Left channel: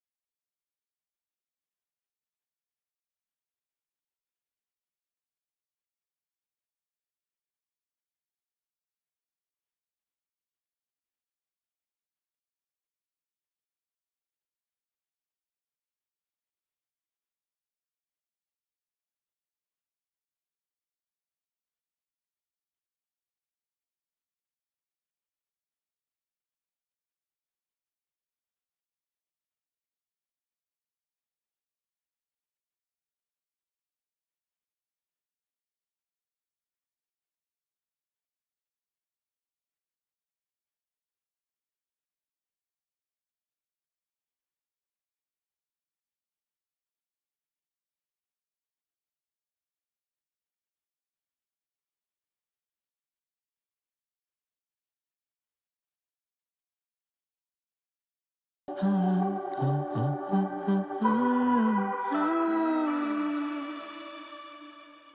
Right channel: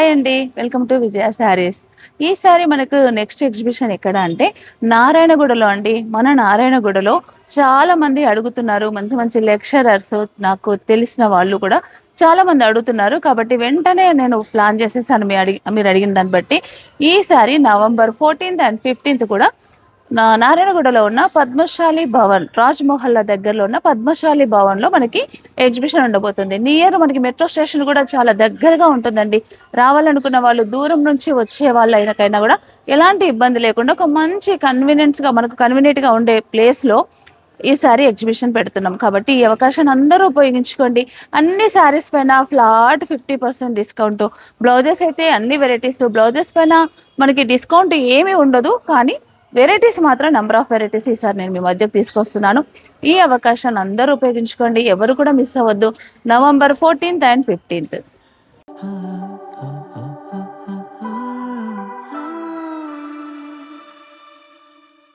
Hi అండి. Welcome to విజయ శారీస్. ఈసారి మనకు నెక్స్ట్ ఎగ్జిబిషన్ ఎక్కడ అంటే నారాయణగూడలో అండి. మన నారాయణగూడలో చాలా మంది అడుగుతున్నారు. మంచి మంచి లెక్చరర్స్ నాకు తెలిసిన వాళ్ళు కూడా చాలా మంది అడుగుతున్నారు. కాబట్టి వెంటనే నేను ప్లాన్ చేసేసాను మీరు అడిగిన దాన్ని బట్టి. ఈసారి నవంబర్ 14th అండ్ 15th కూడా నారాయణగూడలో ఉన్న పద్మశాలి భవన్, రాజ్ మొహల్లా దగ్గరలో ఉన్న పద్మశాలి భవన్ లో మనకి ఎగ్జిబిషన్ ఉండబోతుంది. నియర్ మనకి మెట్రో స్టేషన్ కూడా చాలా దగ్గరగా ఉంటుందండి. రావాలనుకున్న వాళ్ళు, దూరం నుంచి వచ్చే వాళ్ళైనా కూడా ఎలాంటి ఇబ్బంది లేకుండా ఒక మంచి మనకు కన్వీనియంట్ గా ఉండే ప్లేస్ లో ఈసారి ఎగ్జిబిషన్ పెడుతున్నాం. కాబట్టి ఈ అవకాశాన్ని అందరూ ఉపయోగించుకోండి. అన్ని శారీస్ పైన ఫ్లాట్ 50% డిస్కౌంట్. బ్లౌజెస్ అయితే అన్ని వెరైటీస్. బ్లౌజెస్ పైన మనకి డిస్కౌంట్ ఏమీ ఉండదు, కానీ వెరైటీస్ మాత్రం నంబర్ ఆఫ్ వెరైటీస్ ఈసారి నేను మీ మధ్యకు తీసుకొస్తున్నాను. ఈ అవకాశాన్ని అందరూ ఉపయోగించుకోండి. ఎవరు కూడా మిస్ అవ్వద్దు. November 14th and 15th.